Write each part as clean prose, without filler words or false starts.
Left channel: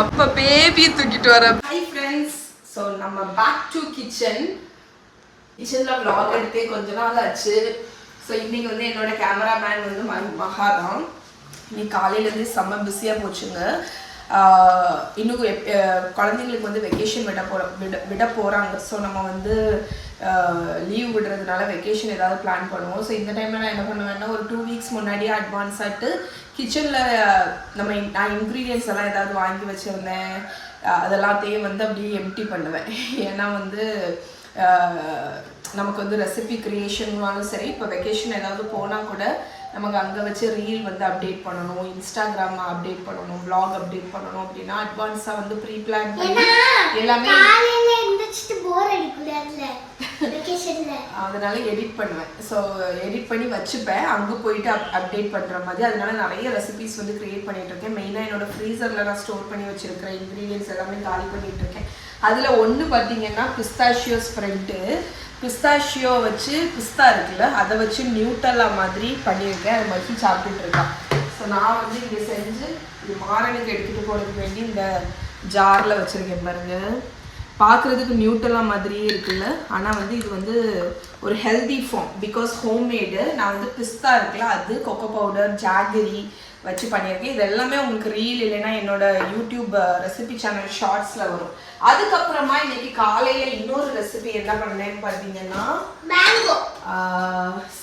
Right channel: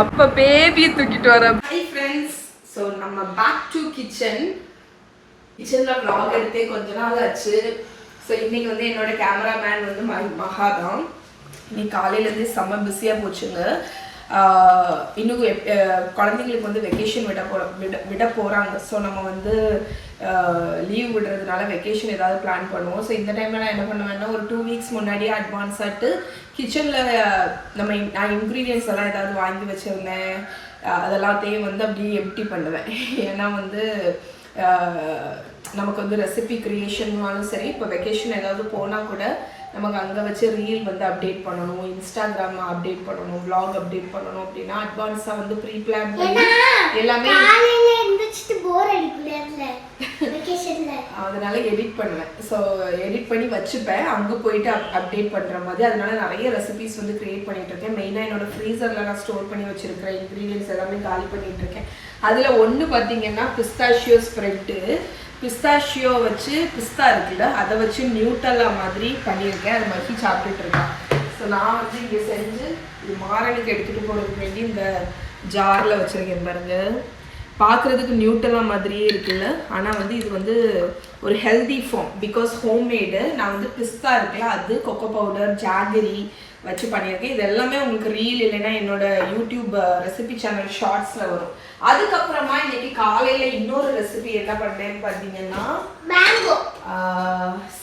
அப்ப பேபியை தூக்கிட்டு வர. ஹாய் ஃப்ரெண்ட்ஸ், ஸோ நம்ம பேக் டு கிச்சனில் vlog எடுத்தே கொஞ்ச நாள் ஆச்சு. ஸோ இன்னைக்கு வந்து என்னோட கேமராமேன் வந்து மகா தான். இன்னைக்கு காலையிலேருந்து செம்ம பிஸியாக போச்சுங்க. இன்னும் குழந்தைங்களுக்கு வந்து வெக்கேஷன் விட போகிறாங்க. ஸோ நம்ம வந்து லீவ் விடுறதுனால வெக்கேஷன் ஏதாவது பிளான் பண்ணுவோம். ஸோ இந்த டைமில் நான் என்ன பண்ணுவேன்னா ஒரு 2 வீக்ஸ் முன்னாடியே அட்வான்ஸாகிட்டு கிச்சனில் நான் இன்க்ரீடியன்ஸ் எல்லாம் ஏதாவது வாங்கி வச்சுருந்தேன் அதெல்லாத்தையும் வந்து அப்படியே எம்டி பண்ணுவேன். ஏன்னா வந்து நமக்கு வந்து ரெசிபி க்ரியேஷன்னாலும் சரி, இப்போ வெக்கேஷன் ஏதாவது போனால் கூட நமக்கு அங்கே வச்சு ரீல் வந்து அப்டேட் பண்ணணும், இன்ஸ்டாகிராம் அப்டேட் பண்ணணும், வ்ளாக் அப்டேட் பண்ணணும் அப்படின்னா அட்வான்ஸாக வந்து ப்ரீ பிளான் பண்ணி எல்லாமே அதனால எடிட் பண்ணுவேன். ஸோ எடிட் பண்ணி வச்சுப்பேன், அங்கே போயிட்டு அப்டேட் பண்ணுற மாதிரி. அதனால நிறைய ரெசிபிஸ் வந்து க்ரியேட் பண்ணிட்டு இருக்கேன். மெயினாக என்னோட ஃப்ரீசரில் நான் ஸ்டோர் பண்ணி வச்சிருக்கிறேன் இன்க்ரீடியன்ஸ் எல்லாமே காலி பண்ணிட்டு இருக்கேன். அதில் ஒன்று பார்த்தீங்கன்னா பிஸ்தாஷியோ ஸ்ப்ரெட்டு. பிஸ்தாஷியோ வச்சு பிஸ்தா இருக்குல்ல, அதை வச்சு நியூட்டல்லா மாதிரி பண்ணியிருக்கேன். அது மாதிரி சாப்பிட்டுட்டு இருக்கான். ஸோ நான் வந்து இங்கே செஞ்சு இது மாரனுக்கு எடுத்துகிட்டு போகிறதுக்கு வேண்டி இந்த ஜாரில் வச்சுருக்கேன் பாருங்க. பார்க்குறதுக்கு நியூட்டல்லா மாதிரியே இருக்குல்ல, ஆனால் வந்து இது வந்து ஒரு ஹெல்தி ஃபார்ம். Because homemade. நான் வந்து பிஸ்தா இருக்குல்ல, அது கொக்கோ பவுடர் ஜாகரி வச்சு பண்ணியிருக்கேன். இது எல்லாமே உங்களுக்கு ரீல் இல்லைன்னா என்னோட யூடியூப் ரெசிபி சேனல் ஷார்ட்ஸில் வரும். அதுக்கப்புறமா இன்னைக்கு காலையில் இன்னொரு ரெசிபி என்ன பண்ணேன்னு பார்த்தீங்கன்னா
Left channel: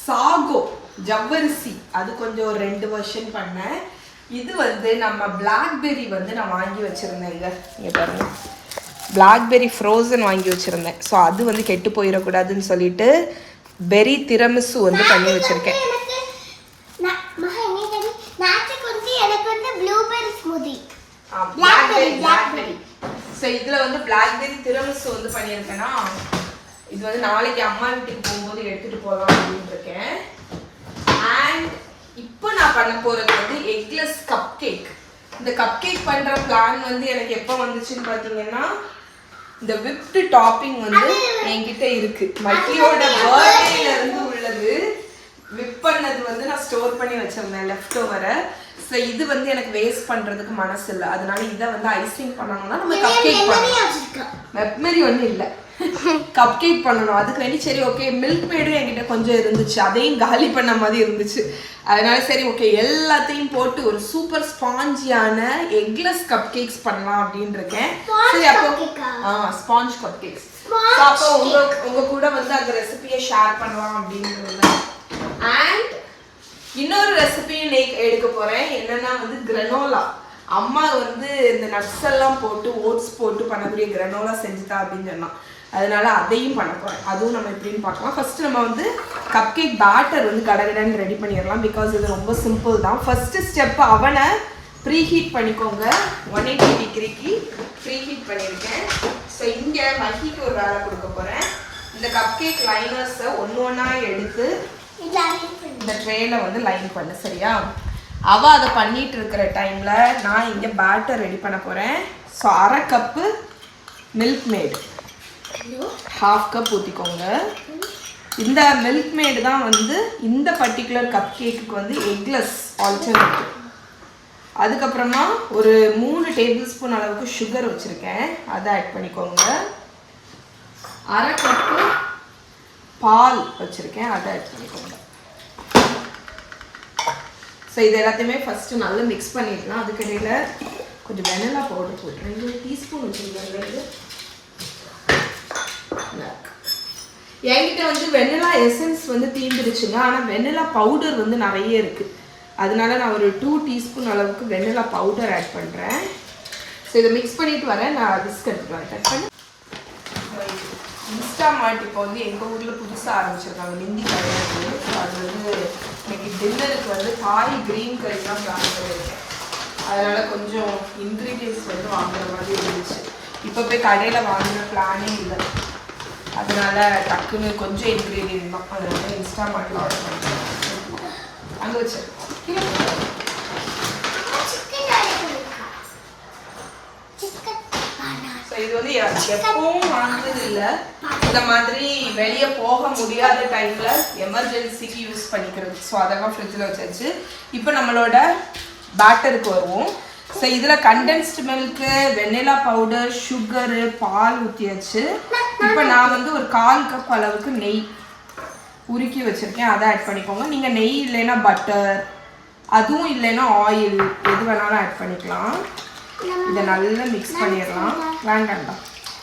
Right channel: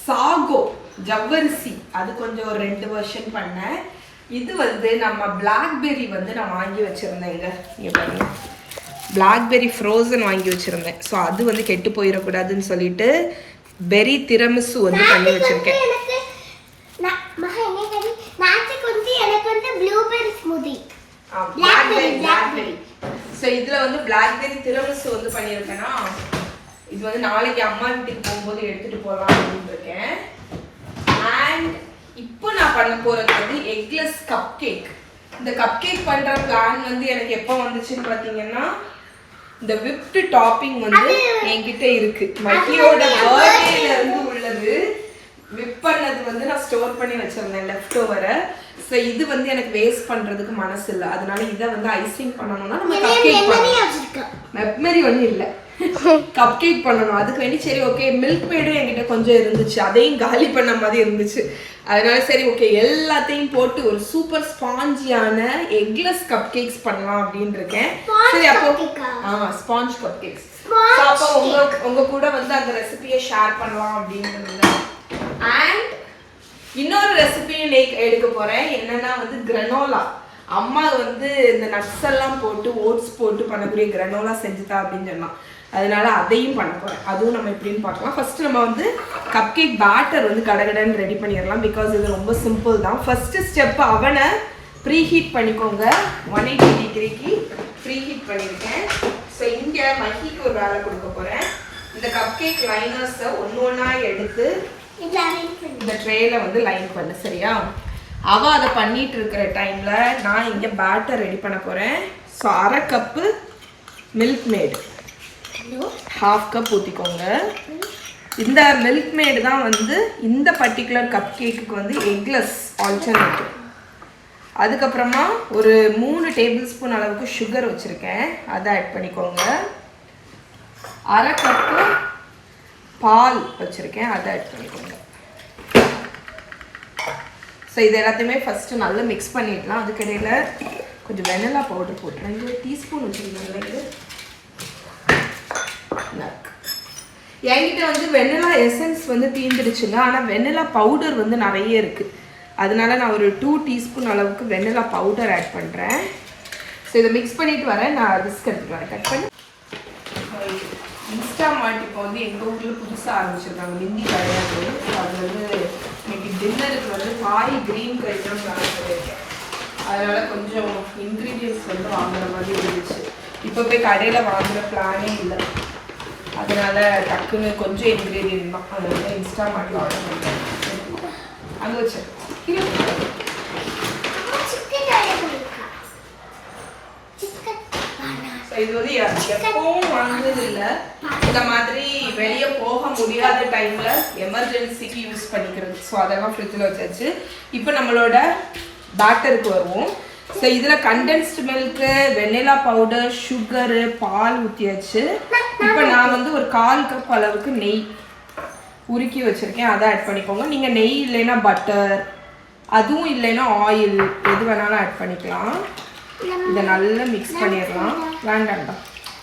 சாகோ ஜவ்வரிசி, அது கொஞ்சம் ஒரு 2 வருஷன் பண்ணேன். இது வந்து நம்ம பிளாக்பெர்ரி வந்து நான் வாங்கி வச்சுருந்தேங்க. இங்கே பாருங்க, பிளாக்பெர்ரி ஃப்ரோசன் வாங்கி வச்சுருந்தேன். ஸோ அது வந்து கெட்டு போயிடக்கூடாதுன்னு சொல்லிட்டு பெரி திரமிசு வந்து பண்ணி வச்சுருக்கேன். ஸோ இதில் வந்து பிளாக்பெர்ரி திரமிசு வந்து பண்ணியிருக்கேன்னா இது வந்து நாளைக்கு அம்மா வீட்டுக்கு போகும்போது எடுத்துகிட்டு போகலாம் அப்படின்னு இருக்கேன். அண்ட் இப்போ நான் பண்ண போகிறது வந்து எக்லெஸ் கப் கேக். இந்த கப் கேக் பண்ணுற பிளான் வந்து எனக்கு எப்போ வந்துச்சுன்னு பார்த்தீங்கன்னா இந்த விப்டு டாப்பிங் வந்து என்கிட்ட இருக்கு. மக்கியோட பர்த்டேல இருந்து உள்ளது. விப் பண்ணது வந்து நான் ஸ்டோர் பண்ணி வச்சிருந்தேன் லெஃப்ட் ஓவரை. ஸோ இது வந்து எனக்கு வேஸ்ட் பண்ணுறதுக்கு மனசு இல்லை. அதனால இதை வந்து ஐசிங் பண்ணணும்னா நம்ம கப் கேக் பண்ணணும். மெப்மெரி ஒன்றும் இல்லை, கப் கேக் பண்ணணும். அதுக்கு வேண்டி சரி ஓகே, மில்க் மேடும் என்கிட்ட கொஞ்சம் இருந்துச்சு, அதையும் காலி பண்ண மாதிரி இருந்துச்சு. அதனால சரி ஓகே எல்லாத்தையும் போட்டு ஒரு சூப்பர் ஸ்பாஞ்சியான எக்லெஸ் கப் கேக்ஸ் பண்ணலாம் அப்படின்னு இருக்கேன். சரி அப்போ ஸ்பாஞ்ச் கப் கேக்ஸ். அப்போ உங்க கூட வந்து அந்த ரெசிபியை ஷேர் பண்ணலாம் அப்படின்னு. அண்ட் இன்னொரு ரெசிபியும் எடுக்க போறேன். என்னன்னா வந்து கிரனோலா. அம்மா வந்து இந்த நட்ஸ் எல்லாம் போட்டு ஓட்ஸ் போட்டு பண்ணக்கூடிய கிரனோலா செஞ்சுதா அப்படின்னு சொன்னான். அதனால அதையும் பண்ண போறேன். அதுவும் நம்ம எப்படின்னு பார்க்கலாம். ஃபர்ஸ்ட் நம்ம வந்து கப் கேக் பேட்டர் வந்து கடகடன்னு ரெடி பண்ணிடலாம். பிகாஸ் இது ரொம்ப சிம்பிள் தான். ஃபர்ஸ்ட் ஸ்டெப் அவனை ப்ரீ ஹீட் பண்ணிக்கோங்க. 180 டிகிரிக்கு ப்ரீ ஹீட் பண்ணியிருக்கேன். ஸோ இங்கே மஹிக்கு ஒரு வேலை கொடுக்க போறேன். இந்த கப் கேக் லைனர்ஸை ஒன்றா எடுத்து இந்த ட்ரேல வந்து லைன் பண்ணு. சரியா? அவ அதை பண்ணிட்டு இருக்கிற டைம்ல நான் இங்க பேட்டர் ரெடி பண்ண போறேன். So 1/2 cup milk mat, 1/2 cup ஊற்றிக்கோங்க. இந்த மில்க் மேடு தான் வந்து இந்த பர்டிகுலர் கப் கேக்குக்கு வந்து எக்லெஸ் ஆல்டர்னேட்டிவ். அதுக்கப்புறமா ஒரு 3 டேபிள் ஸ்பூன் அளவுக்கு சுகர் வச்சுருக்கேன், அதை ஆட் பண்ணிக்கோங்க. 1/2 கப்பு பால் வச்சுருக்கேன், அதை ஆட் பண்ணிக்கோங்க. ஸோ இது எல்லாத்தையுமே ஃபஸ்ட்டு நல்லா மிக்ஸ் பண்ணிடலாம். அதுக்கிடையில் கொஞ்சம் வெனிலா பவுடர் போட்டுறேன். இங்கே 1 டீஸ்பூன் வச்சுருக்கேன். என்கிட்ட வந்து வெனிலா எசன்ஸ் வந்து தீர்ந்துடுச்சுங்க. ஆனால் வெனிலா பவுடர் வந்து நிறைய இருக்குது. அதனால நான் ஒரு 2 டீஸ்பூன் அளவுக்கு வெனிலா பவுடர் ஆட் பண்ணுறேன். ஸோ இதை மிக்ஸ் பண்ணிட்டு வரேன். நான் விஸ்க் எடுத்துட்டு வரேன். கட் பண்ணி இன்ஸ்டாமார்ட் இப்போ வந்து எங்கள் ஊரில் புதுசாக ஆரம்பிச்சிருக்காங்க, ஹிந்தி கிடையாது. ஸோ அது வந்து இன்னைக்கு டின்னருக்கு வந்து காய் க்ரீன் கறி தான் பிளான் பண்ணியிருக்கேன். அதனால் கொஞ்சம் இன்க்ரீடியன்ஸ் வந்து வாங்குற மாதிரி இருந்துச்சு. இப்போ போய் கடையில் வாங்குகிற பிளானே இல்லை. அதனால் டக்குன்னு கொஞ்சம் இன்க்ரீடியன்ட் தான். அதை வந்து இன்ஸ்டாமார்ட்டில் ஆர்டர் பண்ணிட்டேன். அங்கே வச்சிருக்கேன். இது வந்து எப்பவும் வாங்குறது இல்லை. இந்த மாதிரி வெளியே போக முடியாத டைம்ல எமர்ஜென்சிக்கு யூஸ் பண்ணிக்கிறது. ஸோ அதெல்லாம் ஃப்ரிட்ஜில் வச்சாச்சு. இப்போ நம்மளோட பேட்டருக்கு வருவோம். ஸோ இதில் கண்டென்ஸ்டு மில்க்கு, வெண்ணிலா பவுடர், சுகரு, பால் ஊற்றியாச்சு. இப்போ நான் வந்து ஒரு 1/4 கப் அளவுக்கு நெய் உருக்கி வச்சுருக்கேன், அதை ஆட் பண்ணிக்கோங்க. நீங்கள் நெய் இல்லைன்னா பட்டர், அதுவும் இல்லைன்னா ஆயில், எது வேணாலும் ஆட் பண்ணிக்கலாம். இதை நல்லா மிக்ஸ் பண்ணிடலாம். வேண்டாம்டா,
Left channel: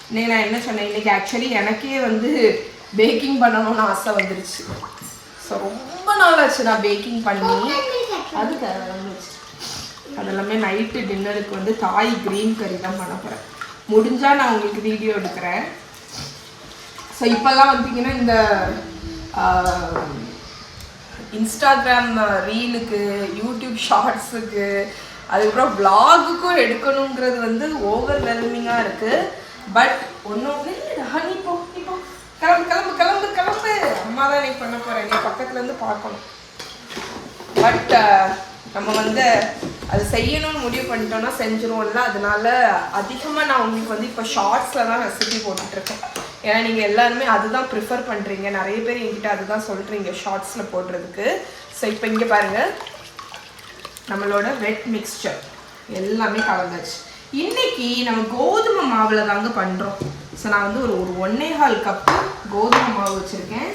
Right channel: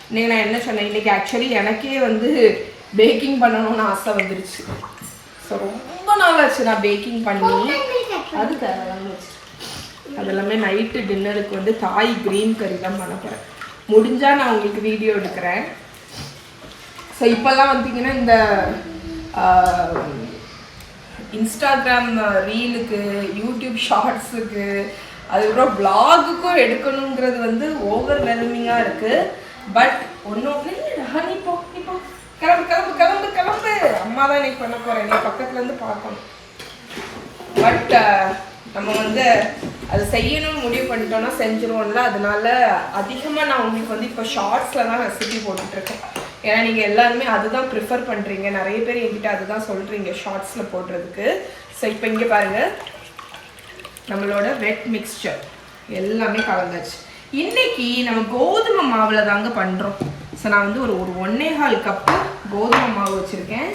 இன்னைக்கு நான் என்ன சொன்னேன், இன்றைக்கி ஆக்சுவலி எனக்கே வந்து பேக்கிங் பண்ணணும்னு ஆசை வந்துருச்சு. ஸோ ரொம்ப நாள் ஆச்சு நான் பேக்கிங் பண்ணி. அது தேவையில்லாமல் வச்சு அதெல்லாமே நைட்டு டின்னருக்கு வந்து தாய் க்ரீன் கறி தான் பண்ண போகிறேன். முடிஞ்சால் நான் உங்களுக்கு வீடியோ எடுக்கிறேன். ஸோ இப்போல்லாம் வந்தீங்கன்னா இந்த இன்ஸ்டாகிராம் ரீலுக்கு, யூடியூப் ஷார்ட்ஸுக்கு, அதுக்கப்புறம் விளாகுக்கும் எடுக்கணுங்கிறது வந்து ஓவர்வெல்மிங்காக இருக்குது. பட் ஒன்று ஹனி போ இப்போ கிளம்பு கிளம்பு கிளம்பு கிளம்பு, அம்மா தான் இன்னைக்கு பண்ண போகிறேன், நீ பக்கத்துலேருந்து பார்க்கணும். பட் நம்ம வந்து அது செய்யணும்னு முடிவு பண்ணிட்டோம்னா செஞ்சுருவோம்ல. அதனால அதிகமாக நான் உங்களுக்கு வந்து இப்போ ஷார்ட்ஸில் தான் ரெசிபி போட்டுட்ருக்கேன். ஏன்னா நீங்கள் எல்லாருமே அதுதான் ப்ரிஃபர் பண்ணுறீங்க, நிறைய பேர் என்கிட்ட அதுதான் சொல்கிறீங்க ஷார்ட்ஸில் போடுறதுக்கு. ஸோ இப்போ இங்கே பாருங்கள், நம்மளோட வெட் மிக்ஸ்சர் எல்லாமே கலந்தாச்சு. இன்னைக்கு நம்ம கோதுமை மாவில் தாங்க பண்ணுறோம். ஸோ நான் வந்து ஒரு 1.25 கப்பு கோதுமை மாவு வச்சுருக்கேன்,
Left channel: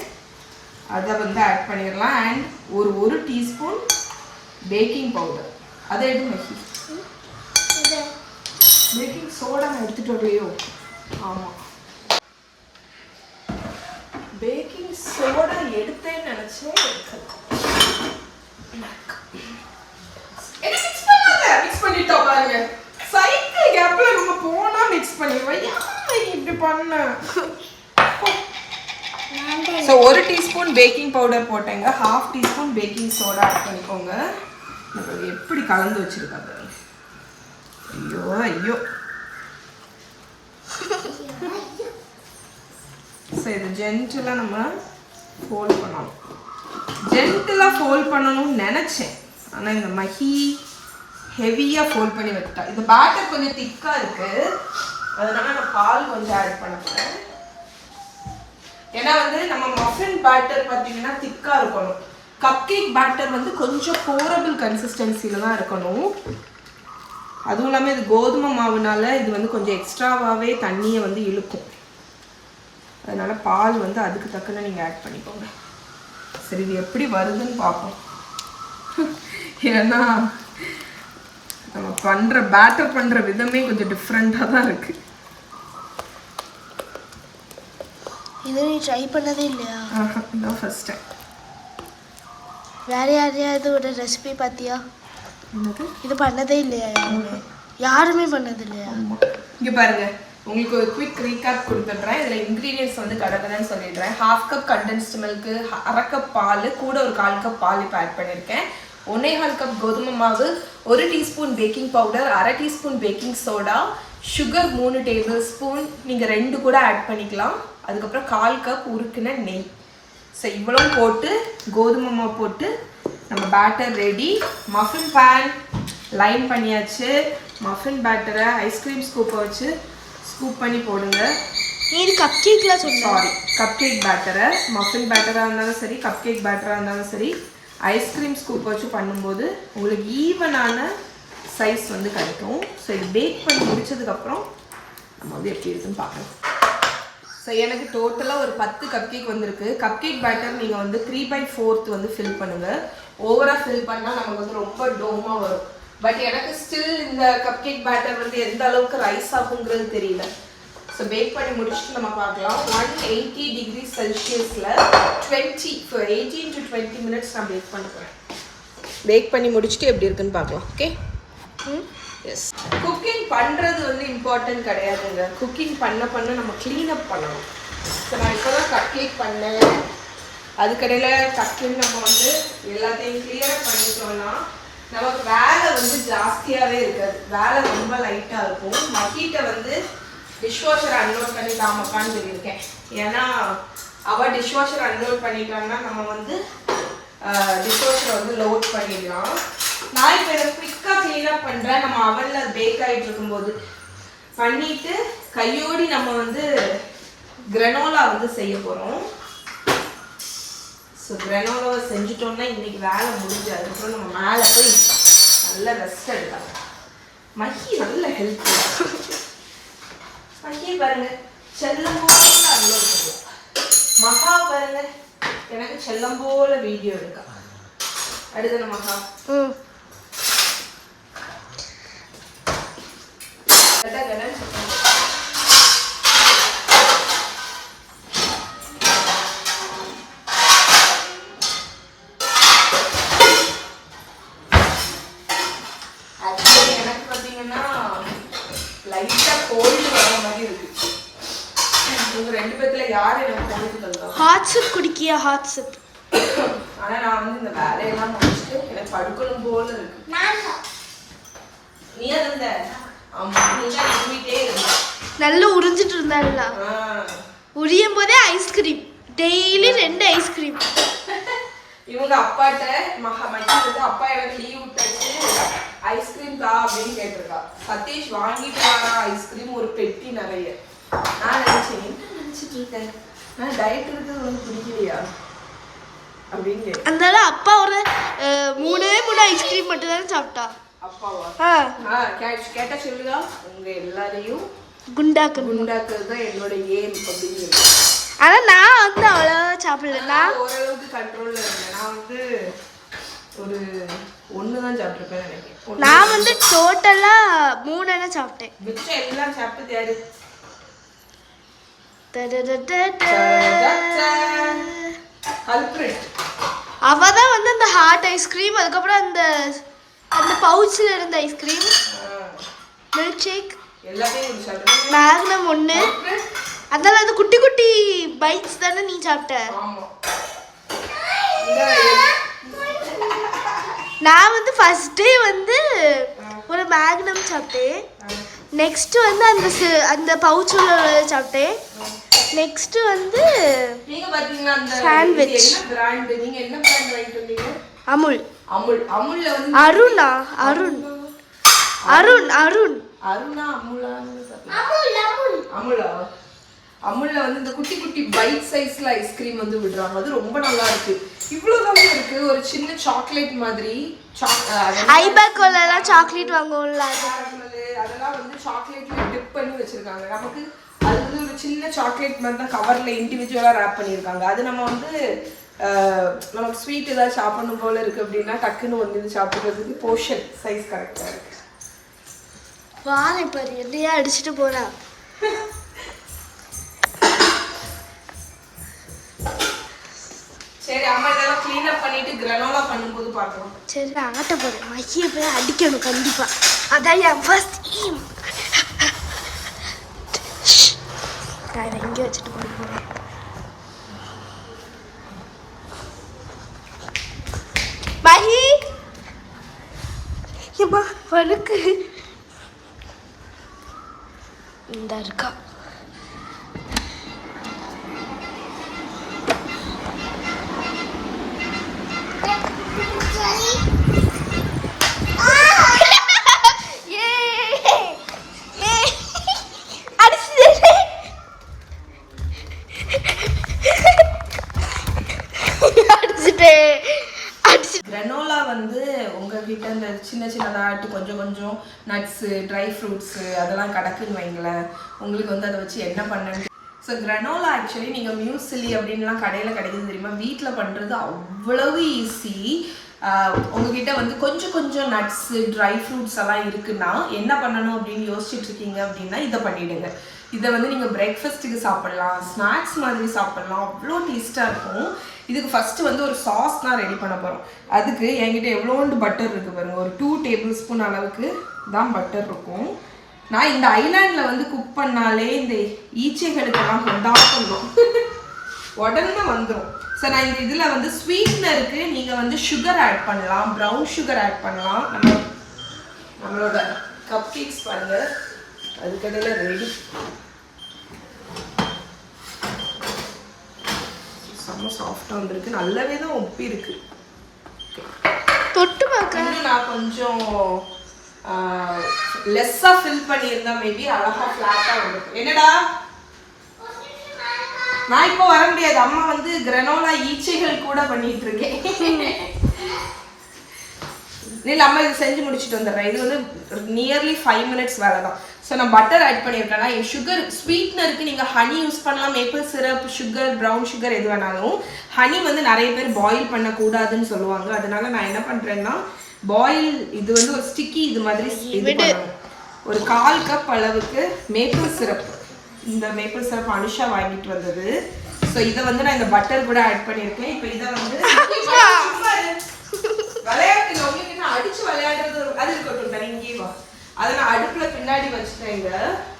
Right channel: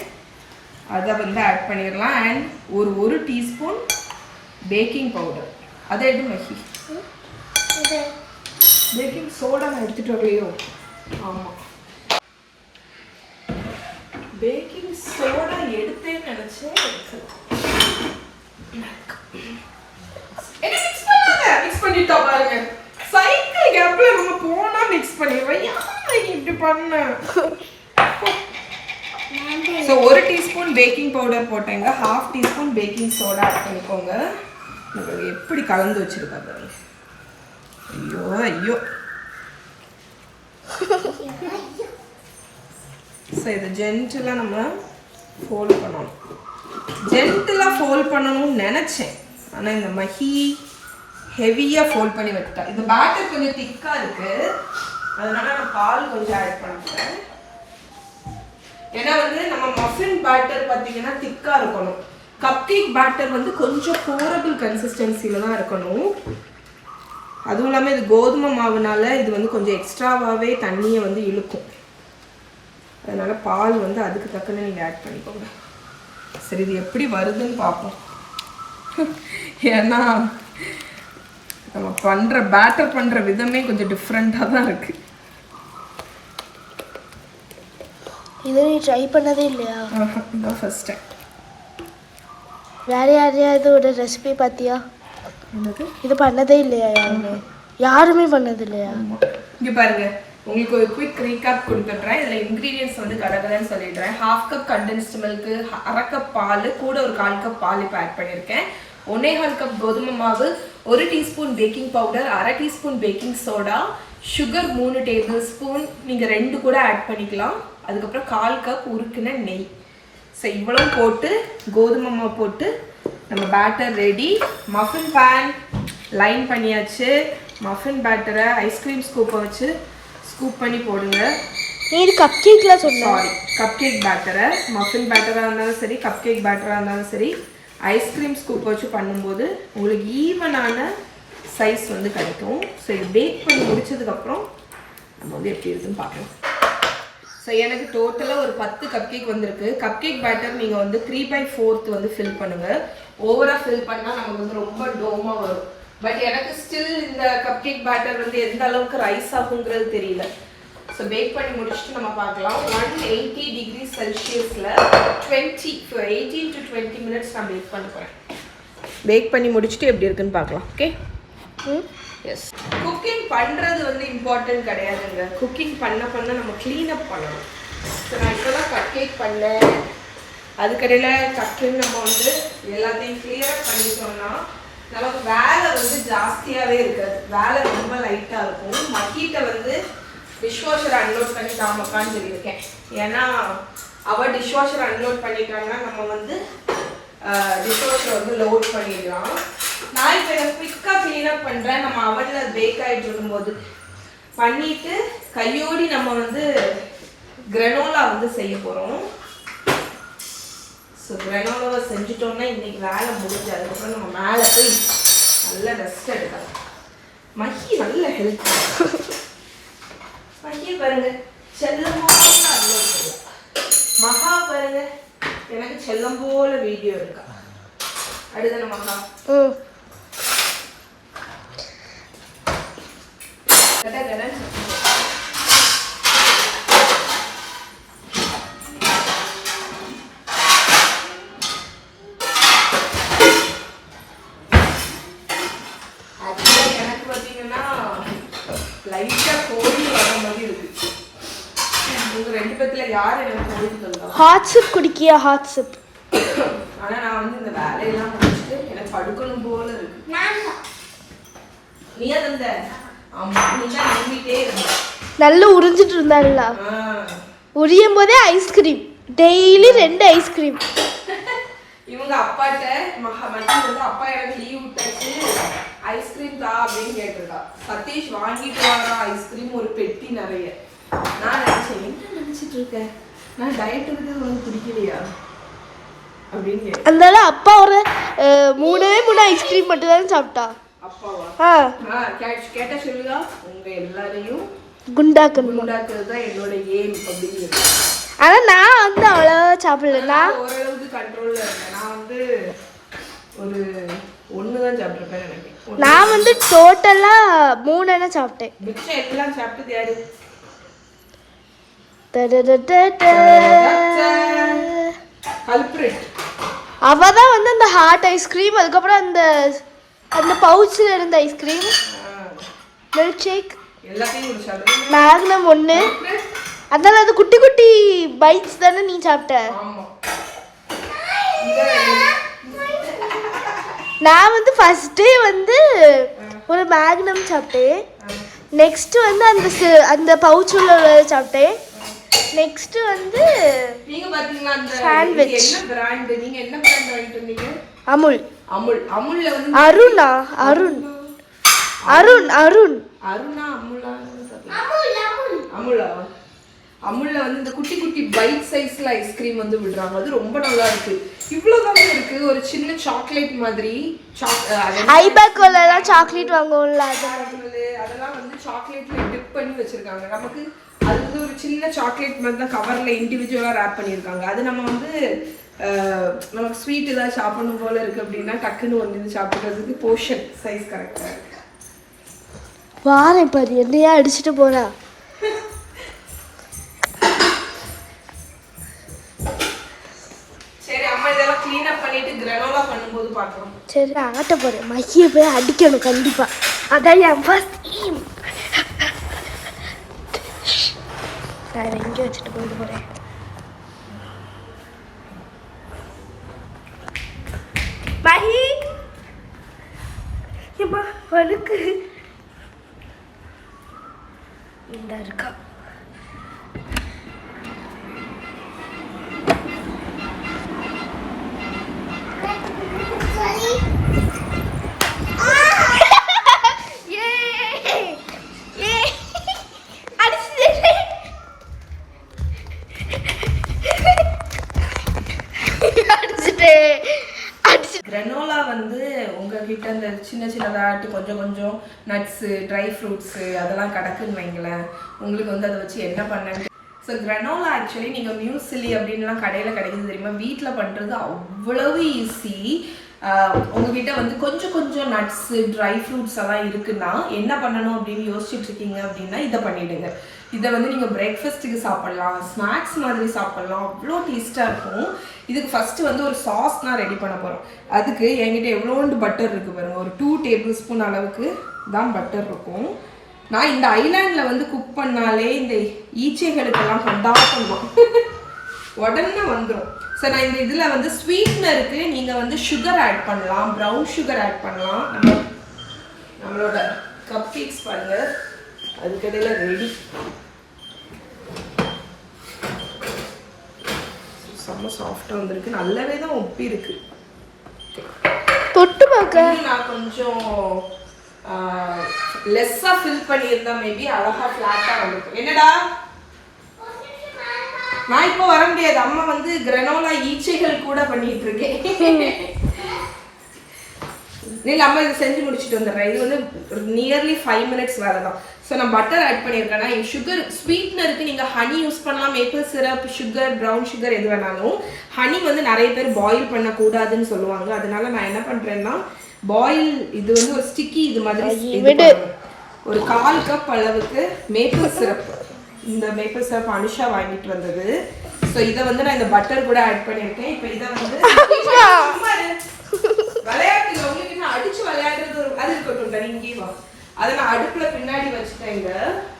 அதை வந்து ஆட் பண்ணிடலாம். அண்ட் ஒரு டீஸ்பூன் பேக்கிங் பவுடர், அதை எடு மகி. பேக்கிங் சோடா நான் எடுத்துகிட்டு வரலையோ? ஆமாம், பேக்கிங் சோடா எடுத்தேன்னு நினச்சேன். என்ன மிக்ஸ் பண்ணாத, மிக்ஸ் பண்ணிட்டோம் பாருங்க. சைக்கிள் கேப்ல நம்ம போனா மிக்ஸ் பண்ணிடுவோம். யாரும் இப்படி பண்ண. ஸோ 1 டீஸ்பூன் பேக்கிங் பவுடர் போட்டேங்க, 1/2 டீஸ்பூன் பேக்கிங் சோடா ஆட் பண்ணிக்கோங்க. எப்படி கலந்து வச்சிருக்கா பாருங்க. ஐயோ ஐயோ. ஸோ இது ஜென்டிலாக நம்ம ஃபோல்ட் பண்ணணும். ஜென்டிலாக ஃபோல்ட் பண்ணணும்னு நினச்சேன், ஆனால் இந்த மஹி ஹெவியாக ஃபோல்ட் பண்ணி வச்சுட்டா. இந்த பேட்டர் கொஞ்சம் திக்காக இருக்குது, அதனால நான் பால் கொஞ்சம் ஆட் பண்ணுறேன். ஏன்னா வந்து நம்ம மஃபின் பேட்டர் பார்த்தீங்கன்னா திக்காக இருக்கணும், கப் கேக் பேட்டர் வந்து கொஞ்சம் போரபிள் கன்சிஸ்டன்சியில் தான் இருக்கணும். அதுவும் இல்லாமல் இது கோதுமை மாவுனால இது வந்து கொஞ்சம் எக்ஸ்ட்ராவாகவே தண்ணியை வந்து இழுக்கும். அதனால் பால் வந்து அதுக்கு தக்கன நீங்கள் ஆட் பண்ணிக்கோங்க. சரி, இது எப்படி வருதுன்னு பார்ப்போம். ஏன்னா நம்ம பண்ணுற பேட்டர் பண்ணுற விதமே கொஞ்சம் டிஃப்ரெண்ட்டாக தான் இருக்குது. இது நீ ட்ரை பண்ணதே இல்லையா? இதான் ஃபர்ஸ்ட் டைம். வேற யாரையாவது ஒரு ரெசிபி பார்த்தியா? என்னது? இது பண்ணதே இல்லையா? யாருமே பண்ணது இல்லையா? இங்கே பாருங்க, உங்களுக்கு ஒரு குவிக் ரீகேப் கொடுத்துட்றேன். இதில் இன்க்ரீடியன்ட்ஸ் வந்து கடகடன்னு சொல்லிடுறேன். 1/2 கப் கண்டென்ஸ்டு மில்க்கு, 1/2 கப் பால், கூட ஒரு 1/4 கப் பால் இப்போ ஆட் பண்ணியிருக்கேன். 1.25 கப் கோதுமை மாவு, 1 teaspoon baking powder, 1/2 teaspoon baking soda, sugar 3 table spoon, நீங்கள் 2 கூட ஆட் பண்ணிக்கலாம். அதுக்கப்புறம் 1/4 கப் உருக்குன நெய். ஸோ இவ்வளோ போட்டு கோதுமை மாவு போட்டு நம்ம batter ready. Muffin pan line பண்ணியாச்சு. மஃபின் பேட்டரை ஐஸ்கிரீம் ஸ்கூப்பை வச்சு ஸ்கூப் பண்ணி போடுங்க. இது கப் கேக்ல சொன்ன, சாரி, கப் கேக் பேட்டரை, மஃபின் பேட்டராக இருந்தாலும் சரி, கப் கேக் பேட்டராக இருந்தாலும் சரி, ஐஸ்கிரீம் ஸ்கூப் வச்சு பண்ணும்போது உங்களுக்கு ஈவனான சைஸ் வந்து கிடைக்கும். ஸோ இது பேக் பண்ணி முடிச்சதுக்கப்புறம் நம்ம வந்து எப்படி இருக்குன்னு பார்க்கலாம். ஸோ எனக்கு டோட்டலாக ஒரு 10 கப் கேக் வந்திருக்கு. கப் கேக் பேட்டர் நீங்கள் வந்து 3/4 வந்து ஃபில் பண்ணுங்கள். ஓவராக ஃபில் பண்ணால் நமக்கு வந்து ரொம்ப டோமாக வரும். பட் எனக்கு ஸ்டில் இந்த கப் கேக் பேட்டர் வந்து எந்த அளவுக்கு ரைஸ் ஆகுங்கிறது தெரியல. ஸோ பேக் பண்ணி முடிச்சுட்டு நம்ம பார்க்கலாம். 180 டிகிரி செல்சியஸில் 18 to 20 மினிட்ஸ் நான் பேக் பண்ண போகிறேன். பேக் பண்ணி முடிச்சுட்டு எப்படி இருக்குன்னு பார்க்கலாம். ஓகே. எஸ், குக்கிங் பண்ணுறது வந்து இம்பார்ட்டன்ட் கிடையாதுங்க. குக்கிங் பண்ண நம்ம க்ளீனப் பண்ணணும். ஸோ நான் இப்போ தான் கப் கேக் பண்ணேன். அதுக்கடையில் டக்குன்னு நம்ம வந்து எல்லாத்தையும் கிளியரப் பண்ணிட்டோம்னா நமக்கு வேலை வந்து ஜாஸ்தியாகவே இருக்காது, வேலை ரொம்ப லைட்டாக இருக்கும். மக்கிட்ட வந்து டிஷ்வாஷர் அன்லோட் பண்ணி தாமக்கான்னு சொல்லியிருக்கேன். ஏன்னா அவள் டிஷ்வாஷர் அன்லோட் பண்ணிட்டாங்கன்னா நம்ம வந்து டிஷ்வாஷரை வந்து லோட் பண்ணிடலாம். நான் இப்போ இதை குயிக்காக க்ளீனப் பண்ணுறேன். நம்ம அவனில் பேக் ஆகிட்டு இருக்கும்போது பண்ணிவிட்டு கையோடி நம்ம வந்து கிரனோலா வந்து செய்ய போகிறோம். ஸோ கிரனோலாவை செஞ்சுட்டோன்னா இன்றைக்கி வேலை முடிஞ்சு அதுக்கப்புறம் நம்ம மேலே போய் நல்லா ரெஸ்ட் எடுக்கலாம். மஹி நல்ல ஹெல்த். மஹி பாருங்க செல்லம் போல மகா பாருங்க எனக்கு செல்லம் போல வீடியோ இருக்கா. அடுத்த மகா எனக்கு பார்த்தீங்கன்னா லைட்டா கோழி வர மாதிரி இருக்கு. உங்க 2 பேத்துல யாரு எனக்கு கோழி தந்தா? ஹாட் சூப் குடிக்கியா? Hot soup. ஆனா நான் வந்து இந்த வேலையெல்லாம் முடிச்சுட்டு எனக்கு படுக்கணும் போல இருக்கு. நீயா தந்த? ஆமா நீ தான் நம்பிட்டே இருந்த. நல்லா உறிஞ்சிட்டு இருந்தாருல. உரியும் போதே ஐஸ்கிரீம் டெய்லி 2 ஐஸ்கிரீம். இவங்க அப்பாட்ட மகி வந்து அப்பா எனக்கு லீவ் விட்டாச்சு ஐஸ்கிரீம் தா அப்படின்னு கேட்டிருக்கா. சதீஷ் வாங்கிட்டு வாரா ஐஸ்கிரீம் ஒரு பெட்டி நிறைய. நான் நினைச்சேன் என்ன நினைச்சிட்டு இருக்கேன், நான் டயட் இருக்கிறது உனக்கு பிடிக்கலையா அப்படின்னு கேட்டேன். அதனால அப்பா ஒரு 3 ஐஸ்கிரீம் மட்டும் தான் சாப்பிட்டா. அப்பாவா? கேட்டா சொல்லுங்க. உங்க எல்லாரையும் குண்டாக்குறது தான் என்னோட ஏம் அப்படின்னு. ஆனா நான் வந்து அவ்வளோ சாப்பிடல. நான் ஓரளவுக்கு கண்ட்ரோல்ல இருந்தேன். நான் வந்து ஒரு 1 தான் சாப்பிட்டுருப்பேன் நினைக்கிறேன். நான் வந்து டோட்டலா 3 சாப்பிட்டேன். மிச்சம் எல்லாம் சாப்பிட்டது யாரு? அவதான் வந்து அந்த ஹாட் ஐஸ்கிரீம், அதுக்கப்புறம் அந்த அந்த பவுச்ல இருந்த ஐஸ்கிரீம், மில்க் ஷேக், மேக்னம் 1. அதனால அது குட்டி குட்டி பைட்ஸ் தானே நீ சாப்பிட்ட. நான் வந்து ஃபர்ஸ்ட் டே வந்து ஒரு மேக்னம் சாப்பிட்டேன். நெக்ஸ்ட் வந்து அந்த பவுச் உள்ள சாப்பிட்டேன். நெக்ஸ்ட் வந்து நீங்க பாத்தீங்கன்னா அந்த சாண்ட்விச். என்ன பிராண்ட்? நீங்க என்ன பிராண்ட் வாங்கிட்டு வந்தீங்க? அமுல். அமுல்ல வந்து அருணா அருண் அருண் அருண் அருணா அமுலா? அமுலா. அமுல்ல வந்து இந்த குட்டி குட்டி பைட் சைஸ்ல ஐஸ்கிரீம் வந்து விடுறாங்க. அது ரொம்ப நல்லா இருக்கு. இவ்வளவுதான் இருக்கு. ஒரு சின்ன சாக்லேட் மாதிரி. ஐபேக்கோலலாம் சாக்லேட் வாங்குவோம்ல அதெல்லாம் வந்து சாக்லேட்ல டிப் பண்ணி வச்சிருக்காங்க. நமக்கு அது வந்து ஒரு சின்ன சாக்லேட் மாதிரி தான் கவர்ல இண்டிவிஜுவலா ரேப் பண்ணியிருக்காங்க. அது நம்ம வந்து நமக்கு ஸ்வீட் ஏதாவது சாப்பிடணும் போல இருக்கு அப்படின்னா டக்குன்னு ஒன்று சாப்பிட்றதுக்கு போர்ஷன் சைஸ் கரெக்டா இருக்கு. வாரேன் பாரு என்னையா அடிச்சுட்டு போறா. சரி அம்மா இதெல்லாம் க்ளீன் அப் பண்ணிட்டு கிரானோலா பண்ணும்போது பார்க்கலாம். சரி நான் ஆட்ட போறேன். மகியை போய் அடிக்கணும் கண்டிப்பா. அதான் என் ஃபர்ஸ்ட் எய்ம். நான் எங்க வச்சுட்டு போயிட்டு போறேன். மகி ஏமா வழுக்கு இந்த இருக்கா. கிரானோலா வந்து உங்ககிட்ட இந்த சின்ன சின்னதாட்டு கொஞ்சம் கொஞ்சம் நட்ஸு ட்ரை ஃப்ரூட்ஸு அதெல்லாம் கிடக்குன்னு வைங்களேன். உங்களுக்கு வந்து அதை வச்சு என்ன பண்ணேன்னு. ஸோ கிரானோலா ஆக்சுவலி நீங்கள் மியூசிலி அப்படின்லாம் கடையில் கிடைக்குது தெரியுமா? வீட்டில் பண்ணுறது அவ்வளவு ஈஸி. உங்ககிட்ட வந்து கொஞ்சம் கொஞ்சம் நட்ஸு ட்ரை ஃப்ரூட்ஸ் எல்லாம் இருக்குன்னா என்ன பண்ணணும் அப்படின்னு யோசிச்சுட்டு இருக்கீங்க அப்படின்னா இதை பண்ணிவிடுங்க. இதை வந்து நீங்கள் பிரேக்ஃபாஸ்ட்டுக்கு சாப்பிட்லாம், ஸ்நாக்ஸ் மாதிரி சாப்பிட்லாம், அவ்வளோ டேஸ்ட்டாக இருக்கும். இதுக்கு ஃபஸ்ட்டு வந்து ஒரு சாஸ் நான் ரெடி பண்ண போகிறோம். அதுக்கு என்கிட்ட எவ்வளோண்டு பட்டர் இருக்குது பாருங்கள். ஒரு 2 டேபிள் ஸ்பூன் அளவுக்கு தான் பட்டர் இருக்கும். நான் இந்த ஐலாண்டில் வந்து குக் பண்ணாலே இந்த ஈச்சைகளுக்கெல்லாம் கொண்டாடணும் உடனே வந்துடும். ஸோ நான் இந்த இதில் வந்து ஸ்வீட்னருக்கு நீங்கள் வந்து சுகர் ஆட் பண்ணலாம், ப்ரௌன் சுகர் ஆட் பண்ணலாம். நம்மளோட கப் கேக்ஸ் பாருங்கள் அதுக்கடையில் ரெடி. செம்ம சாஃப்டாக வந்திருக்கு. நல்லாவே தான் ஒப்பி இருக்கு. தொட்டு பார்க்க நான் கொஞ்சம் லெஸ்ஸாக ஃபில் பண்ணியிருந்தேன். மேபி அழகா ஃப்ளாட்டாக வந்திருக்கு. என்னடா நான் இப்போ வர முடியாது. அம்மா வந்து கிரானோலா ஈச்சைகள் கூட பண்ணிட்டு இருக்கேன். இல்லை அம்மா இது செஞ்சு முடிச்சுட்டு வந்துடுறேன். இது வந்து நியர்லி 5 minutes வேலை தான். ஸோ நான் பட்டர் ஆட் பண்ணியிருக்கேன்னா சுகர் ஸ்வீட்னருக்கு நீங்கள் ஹனி யூஸ் பண்ணலாம், maple syrup, sugar, brown sugar எது வேணாலும். ஹனி வந்து நிறைய பேர் பாயில் பண்ணக்கூடாதுன்னு சொல்லுவாங்க. அதனால நான் என்ன பண்ணுறேன்னா பாயில் இது வந்து ஒரு ஸ்டிக்கி இது மாதிரி ஒரு 1/4 கப் அளவுக்கு மேப்பிள் சிரப். இந்த மேப்பிள் சிரப் அனுஷா வாங்கிட்டு வந்தது. ஸோ இதை வந்து நான் இந்த பட்டர் கூட ஆட் பண்ணியிருக்கேன். இப்போ இதை வந்து விளையாட்டு உங்களுக்கு நான் அடிச்சு விளையாடுறது அது இருக்கட்டும் இங்கேயும் அதை நான் அடுப்புல பின்னாடி வச்சுட்டேங்க.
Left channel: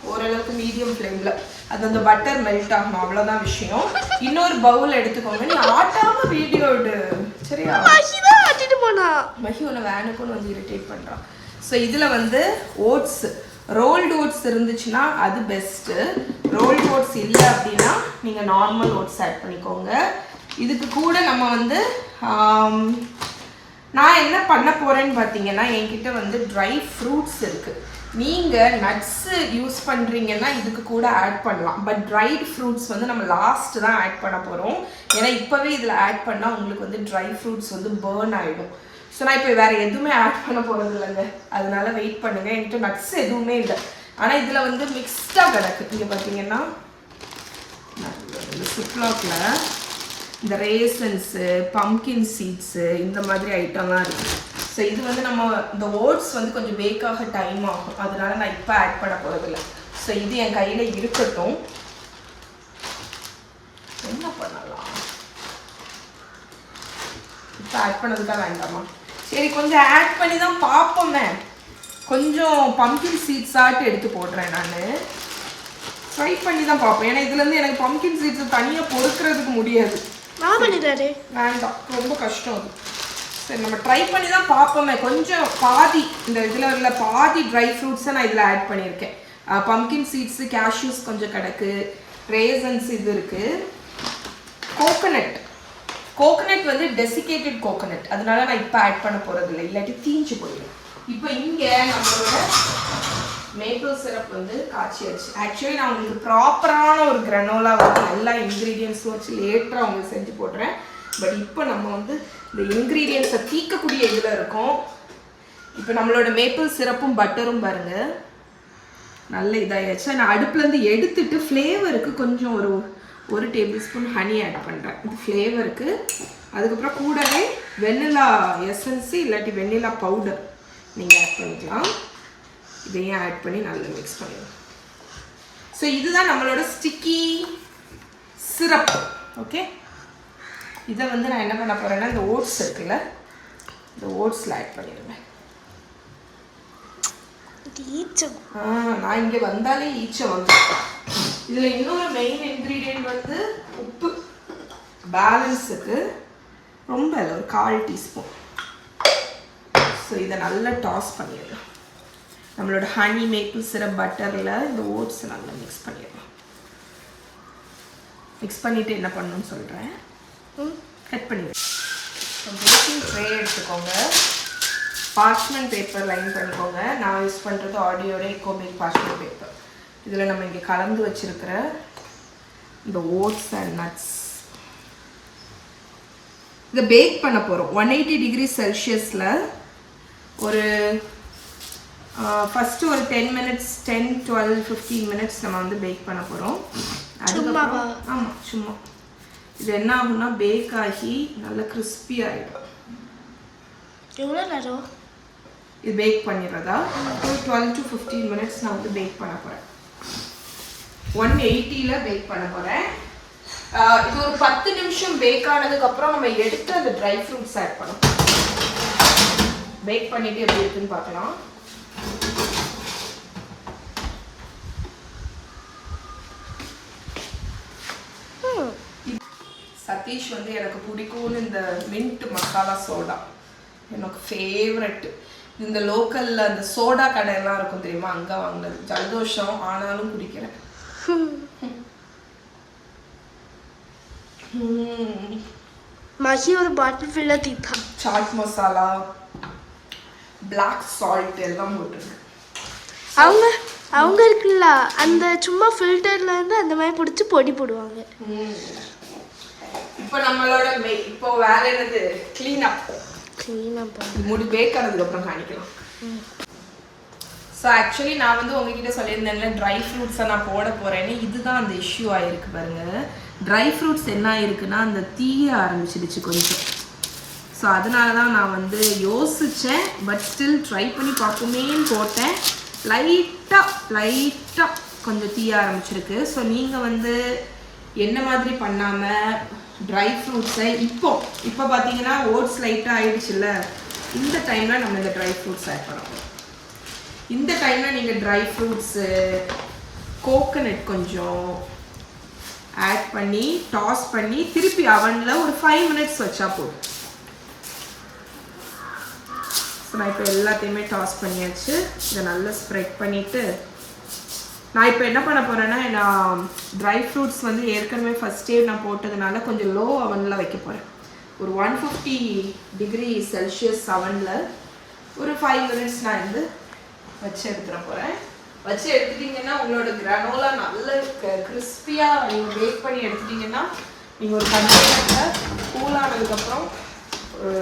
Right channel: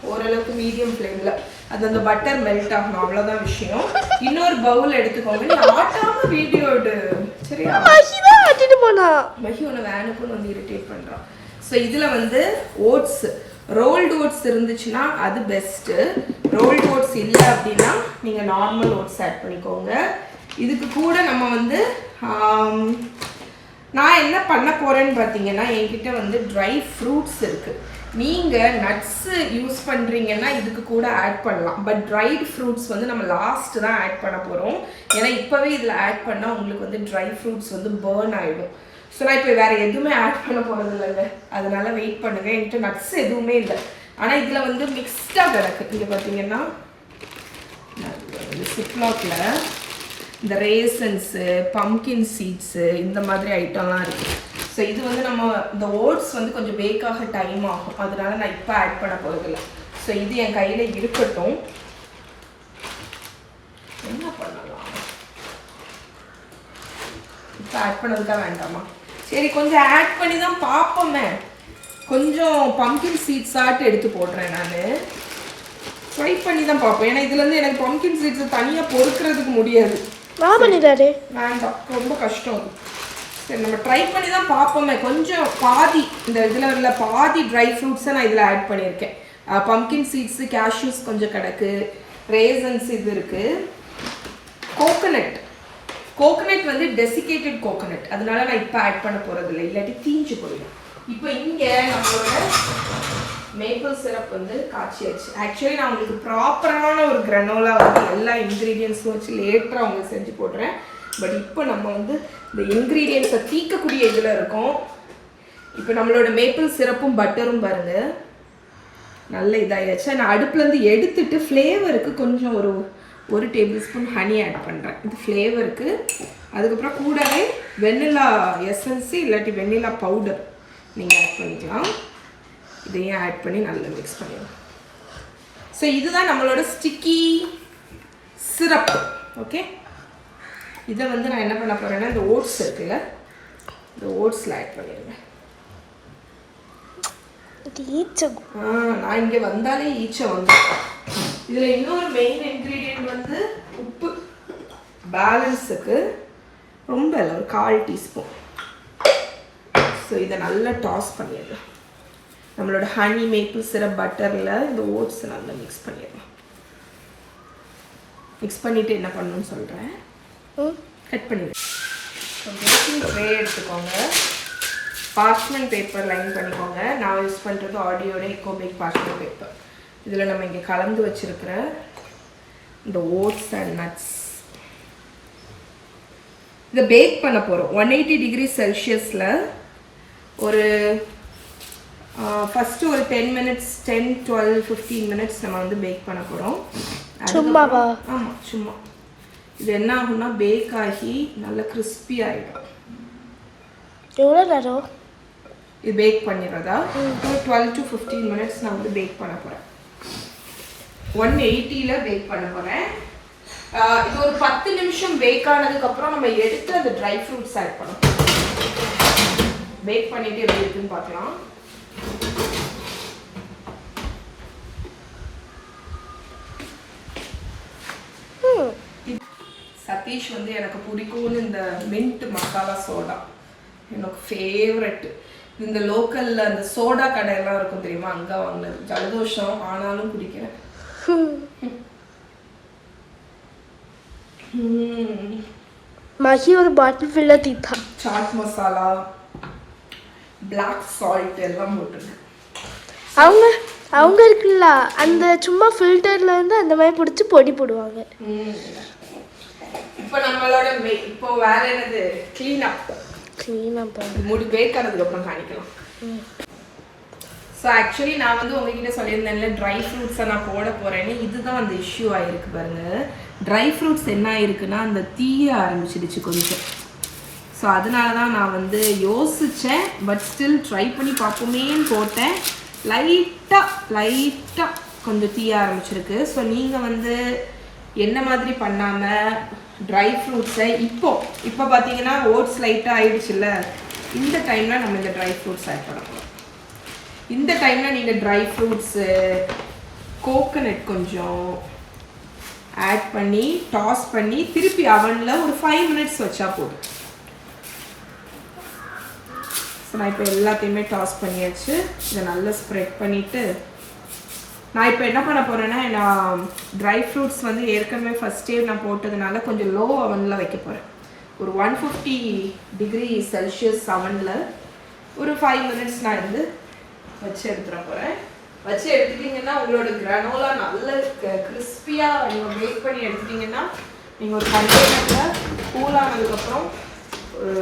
ஓரளவுக்கு மீடியம் ஃப்ளேம்ல அது அந்த பட்டர் மெல்ட் ஆகணும், அவ்வளவுதான் விஷயம். இன்னொரு பவுல் எடுத்துக்கோங்க. நீ ஆட்டாம வீடியோ எடு சரியா? ஆட்டிட்டு போனா மஹி உன்னை வேனுக்குன்னு வந்து இரிட்டேட் பண்றான். ஸோ இதுல வந்து ஓட்ஸ், ரோல்டு ஓட்ஸ் இருந்துச்சுன்னா அது பெஸ்ட்டு. ரோல்டு ஓட்ஸ் இல்லை அப்படின்னா நீங்கள் நார்மல் ஓட்ஸ் ஆட் பண்ணிக்கோங்க. இதுக்கு கூட நம்ம வந்து நான் என்ன பண்ண போகிறேன்னு பார்த்தீங்கன்னா என்கிட்ட வந்து ட்ரை ஃப்ரூட்ஸ் இருக்குது. நீங்கள் நட்ஸு யூஸ் பண்ணுறீங்கன்னா இதுக்கு கூட ஆட் பண்ணலாம். பட் ட்ரைட் ஃப்ரூட்ஸ் வந்து நம்ம லாஸ்ட் தான் ஆட் பண்ண போகிறோம். ஏன்னா இப்போவே இதில் ஆட் பண்ணால் உங்களுக்கு வந்து ட்ரை ஃப்ரூட்ஸ் வந்து பேர்ன் ஆகிடும். ஸோ நான் இப்போ வேறு எதுவுமே ஆட் பண்ண போகிறது இல்லைங்க. அதனால வெயிட் பண்ணுங்கள். என்கிட்ட நட்ஸ் எதுவுமே இல்லை. ஆனால் இதில் வந்து மிக்ஸ்டாக கிடக்கு. இங்கே பார்த்தீங்கன்னா சிப்லாக்கில் இந்த ரேசன்ஸு, பம்கின் சீட்ஸு இந்த மாதிரி ஐட்டம்லாம் இருக்குது. ஸோ இது வந்து நம்ம இந்த ஓட்ஸ் வந்து கொஞ்சம் பேக்காக டைம் ஆகும். அதனால நான் இப்போ ஆட் பண்ண போகிறதில்ல. ஸோ இது என் கையில் இருக்கட்டும். என்ன பண்ணலாம் இப்போ ஆட் பண்ணதுக்காக வேண்டாமா? சரி கொஞ்சம் ஆட் பண்ணி தான் பார்ப்போமே. கொஞ்சம் பம்கின் சீட்ஸ் ஆட்டு எடுத்து போடுறேன். நான் ட்ரை பண்ணி தான் பார்ப்போம். ஏன்னா இதுலேருந்து எனக்கு பம்கின் சீட்ஸை தனியாக பொறுக்கிறதுக்கு முடியாது. வேண்டாம், ரொம்ப கஷ்டம் அது. சரி நம்ம ட்ரை பண்ணி தான் பார்ப்போமே. கொஞ்சம் பாதி இந்த இதில் உள்ள பாதி ட்ரை ஃப்ரூட்ஸை நான் இதில் ஆட் பண்ணியிருக்கேன். பம்கின் சீட்ஸு, கேஷ்யூஸ் கொஞ்சம் கிடக்கு, ரேசன்ஸ் இது இருக்குது. கோகனட் வந்து டெசிகேட்டட் கோகனட். அதனால நான் இப்போ ஆட் பண்ண போகிறதில்ல, இல்லாட்டி தீஞ்சு போயிடும். இப்போ இங்கே நம்மளோட மேப்பிள் சிரப் வந்து காய்ச்சியாச்சு. ஆக்சுவலி நான் உங்களுக்கு ப்ராப்பரான ஒரு கிரனோலா வந்து எல்லா இன்க்ரீடியன்ஸும் வச்சு லேட்டராக உங்களுக்கு செஞ்சு போடுறேன். பட் இப்போ நம்ம வந்து இந்த இன்க்ரீடியன்ஸை தீக்கக்கூடிய இதில் இருக்கோம். இப்போ நம்மளோட மேப்பிள் சிரப்பும் பட்டரும் பாருங்கள் நல்ல இதாகிடுச்சு. நான் அடுப்புலேருந்து எடுத்துட்டு ஃப்ளேவருக்கு கொஞ்சம் ஒரு டேபிள் ஸ்பூன் ஹனி ஆட் பண்ணுறேன். இது ஃப்ளேவருக்கு. அதுக்கப்புறம் கூடவே வெண்ணிலா எசன்ஸு இல்லாட்டி வெண்ணிலா பவுடர் நீங்கள் ஆட் பண்ணிக்கலாம். இதையும் ஆட் பண்ணி நல்லா மிக்ஸ் பண்ணிடலாம். ஸோ இதுதான் நம்மளோட ஸ்டிக்கி சிரப். ஓகே, இதை வந்து நான் என்ன பண்ண போகிறேன்னா இந்த ஓட்ஸ் இருக்குல்ல, இந்த ஓட்ஸில் ஆட் பண்ணிடுவேன். நான் இங்கே வந்தாலே ஈச்சை வந்துருக்கேன். இதில் இன்னொரு மெயின் இன்க்ரீடியன்ட் வந்து உப்பு. பேலன்ஸுக்கு ரொம்ப இல்லை, ஒரு 1/4 டீஸ்பூன். ஸோ இதை நல்லா டாஸ் பண்ணிடுறேன். நம்மளோட ஹனி மேப்பிள் சிரப் பட்டரில் இந்த ஓட்ஸ் நல்லா மிக்ஸ் பண்ணிடலாம். மிக்ஸ் பண்ணிவிட்டு என்ன பண்ணணும்னு சொல்கிறேன். கட் பண்ணிடுவேன். பேக்கிங் ட்ரே எடுத்துக்கோங்க. பார்ச்மெண்ட் பேப்பர் லைன் பண்ணிக்கோங்க. நான் யூஸ் பண்ணுறது ஆடியோட எக்கோபேக் பார்ச்மெண்ட் பேப்பர். இதில் நம்ம இங்கே கலந்து வச்சுருக்கிற இந்த ஓட்ஸ் அண்ட் நட்ஸ் இதை பேக் பண்ண போகிறோம். 180 டிகிரி செல்சியஸில் ஒரு ஃபஸ்ட்டு ஒரு 10 minutes 10, 12, 15 minutes நம்ம வந்து பேக் பண்ண போகிறோம். ஆமாம், சும்மா. இது என்ன ஆகும்னா பேக் ஆகி நல்லா கிறிஸ்பி ஆகிடும். எவ்வளோ நேரம் இது பேக் பண்ணிடுறதா? ஒரு 12 to 15 minutes நான் வந்து பேக் பண்ண போகிறேன். 180ல் பேக் பண்ண போகிறேன். இது ஒரு 10 நிமிஷம் பேக் ஆனதுக்கப்புறம் நம்ம எடுத்து அந்த ட்ரை ஃப்ரூட்ஸ் ஆட் பண்ணணும். பேக் பண்ணிவிட்டு எப்படி இருக்குன்னு பார்க்கலாம். சதீஷ் வந்து எனக்கு பிடிக்கும்னு இந்த மின்ட் மசாலா சோடா எனக்கு ஃபேவரட். இந்த லோக்கல்ல அந்த சோடா கடையெல்லாம் இருக்கும் தெரியுமா, அங்கே வாங்கினது. ஜலதோஷம் ஆனாலும் குடிக்கிறேன். மகி ஒரு பாட்டில் fill தீத்தா. Chat masala, black salt எல்லாம் போட்டுருக்கேன். அவங்க இருக்குல்ல அந்த சும்மா ஃபில்டர்ல இருந்து அந்த மாதிரி பிடிச்சி பொடி போடுவாங்க. இப்போ நம்மளோட இப்போ வேற என்னது, க்ளீன் அப். க்ளீனாக பண்ணு. இது மூடி பேக் ஆனதுக்கு அப்புறம் காணிக்கலாம். ஸோ ஆக்சுவலி நான் வந்து உங்ககிட்ட சொல்லியிருந்தேன்ல ட்ரை ஃப்ரூட்ஸை நான் போட போகிறேன்னு. இதுதான் அந்த இஷ்யூ ஆகிருக்கு பாருங்க. ட்ரை ஃப்ரூட்ஸ் என்ன ஆயிருக்குன்னா அந்த தீய ஆரம்பிச்சிடுச்சு கொஞ்சம். ஸோ அதனால தான் நான் வந்து யோசித்தேன். பட் ஸ்டில் ட்ரை பண்ணி பார்ப்போமேன்னு போட்டேன். லைட்டாக கொஞ்சம் தீய ஆரம்பிச்சிருக்கு. ஸோ நீங்கள் வந்து என்ன மாதிரி பண்ணாமல் ட்ரை ஃப்ரூட்ஸை இப்போ பார்த்தீங்கன்னா ஓட்ஸ் லைட்டாக ஆயிடுச்சுல்ல, இந்த டைமில் நம்ம இந்த ட்ரை ஃப்ரூட்ஸ் ஆட் பண்ணணும். இந்த டைமில் நீங்கள் ட்ரை ஃப்ரூட்ஸு கோகனட் கொஞ்சம் ஆட் பண்ணி டாஸ் பண்ணி திருப்பி அவனில் ஒரு 5 minutes வச்சா போதும். ஸோ நான் இப்போ எல்லாத்தையுமே டாஸ் பண்ணியாச்சு. இதை நல்லா ஸ்ப்ரெட் பண்ணிவிட்டு நான் இப்போ என்ன பண்ண போகிறேன்னா, நான் ட்ரை ஃப்ரூட்ஸ் வந்து ஏற்கனவே ஃபஸ்ட்டே நான் போட்டதுனால கொஞ்சம் லோ அவனில் வைக்க போகிறேன். ஒரு 150 degree Celsius அவனில் ஒரு 5 minutes நான் வந்து வச்சு எடுத்துட போகிறேன். வச்சு எடுத்துட்டிங்கன்னா உங்களோட கிரானோலா நல்ல கிறிஸ்பியாக நீங்கள் பேக் பண்ணி எடுத்துட்டிங்கன்னா நீங்கள் ஒரு கண்டெய்னரில் கூலானதுக்கப்புறம் ஒரு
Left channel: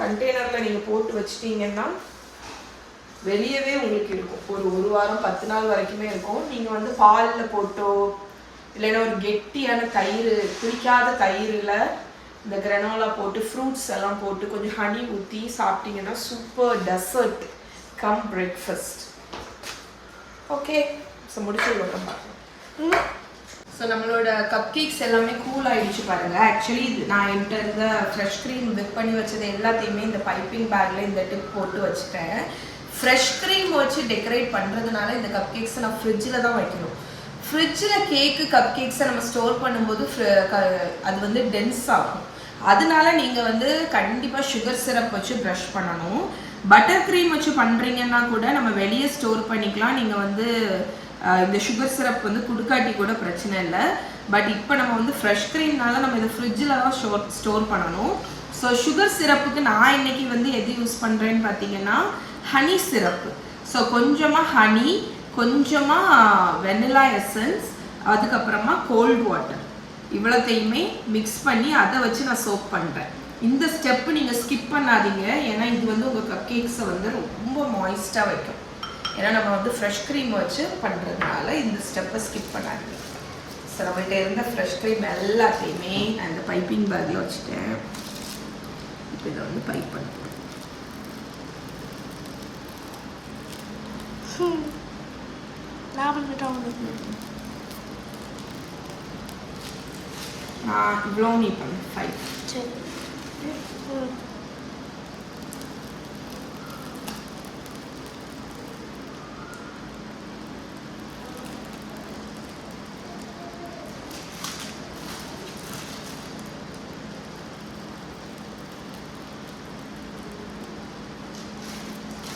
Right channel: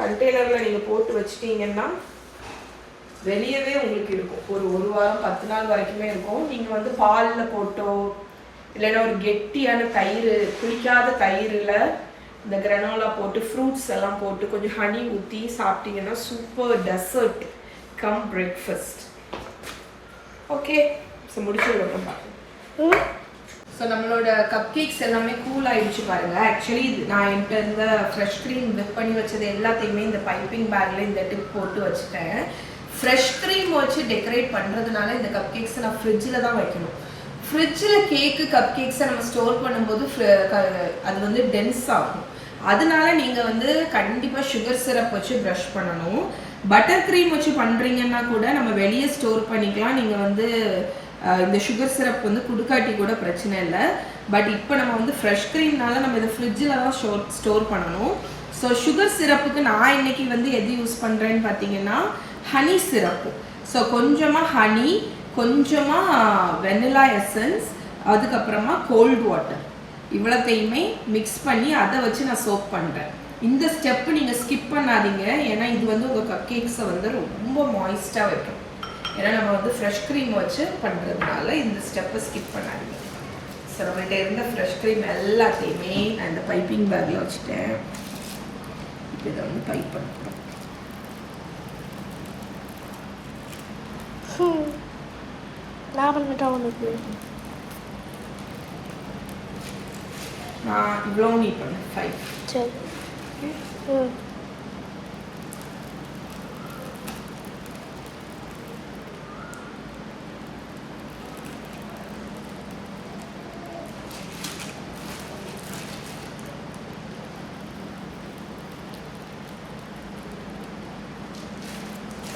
கண்டெய்னரில் நீங்கள் போட்டு வச்சிட்டிங்கன்னா வெளியவே உங்களுக்கு இருக்கும். ஒரு வாரம் 10 நாள் வரைக்குமே இருக்கும். நீங்கள் வந்து பாலில் போட்டோ இல்லைன்னா ஒரு கெட்டியான தயிர், குளிக்காத தயிரில் இந்த கிரானோலா போட்டு ஃப்ரூட்ஸ் எல்லாம் போட்டு கொஞ்சம் ஹனி ஊற்றி சாப்பிட்டீங்கன்னா super dessert cum breakfast. Okay, so முடிச்சதுக்கப்புறம் பார்க்கலாம். ஸோ நம்மளோட கப் கேக்ஸ் எல்லாமே கூல் ஆகிடுச்சு பாருங்கள். ஆக்சுவலி இது நான் என்கிட்ட இருந்த ஃப்ரெஷ் க்ரீம் விப் பண்ணி வச்சது எல்லாத்தையுமே இந்த பைப்பிங் பேக்கில் இந்த டிப் போட்டு வச்சுட்டேன். ஃப்ரெஷ் க்ரீம் வச்சு டெக்கரேட் பண்ணுறதுனால இந்த கப் கேக்ஸை நான் ஃப்ரிட்ஜில் தான் வைக்கணும். ஃப்ரிட்ஜில் கப் கேக்ஸை நம்ம ஸ்டோர் பண்ணும்போது அது வந்து டென்ஸ் ஆகும். அதனால நீங்கள் வந்து கண்டிப்பாக சுகர் சிரப் வச்சு ப்ரஷ் பண்ணணும். பட்டர் க்ரீம் வச்சு பண்ணுறீங்கன்னா கூட நம்ம வெளியே ஸ்டோர் பண்ணிக்கலாம். நீங்கள் வந்து இந்த சுகர் சிரப் வந்து குடுக்காட்டி கூட பிரச்சனை இல்லை. பட் இப்போ நம்ம வந்து ஃப்ரெஷ் க்ரீம்னால நம்ம இதை ஃப்ரிட்ஜில் தான் ஸ்டோர் பண்ணணும். ஸோ சுகர் சிரப்புக்கு நான் இன்னைக்கு வந்து எது யூஸ் பண்ணுறேன்னு பார்த்தீங்கன்னா ஹனி சிரப்பு. ஸோ கொஞ்சமாக ஹனி, கொஞ்சமாக வெனிலா எசன்ஸ், அதுக்கப்புறமா கோல்டு வாட்டர், இவ்வளோத்தையுமே மிக்ஸ் பண்ணி அதை வச்சு நான் சோப் பண்ணுறேன். இந்த ஸ்டெப்பு நீங்கள் ஸ்கிப் பண்ணாதீங்க. ஏன்னா இது வந்து உங்கள் கப் கேக்ஸை வந்து ரொம்ப மாய்ஸ்டாக வைக்கும். ஏன்னா நம்ம வந்து ஃப்ரெஷ் க்ரீம் வச்சு பண்ணுறதுனால இந்த ஸ்டெப்பை ஸ்கிப் பண்ணாதீங்க. ஸோ நம்மகிட்ட இருந்த ஃப்ரெஷ் க்ரீம் எல்லாத்தையுமே நான் இந்த பைப்பிங் பேக்கில் வச்சுட்டேன். இப்போ இதை வந்து பைப் பண்ணுறேன். நான் பண்ணிட்டேன் உனக்கு. நான் இவ்வளோ நீ பண்ணு 5. சரி.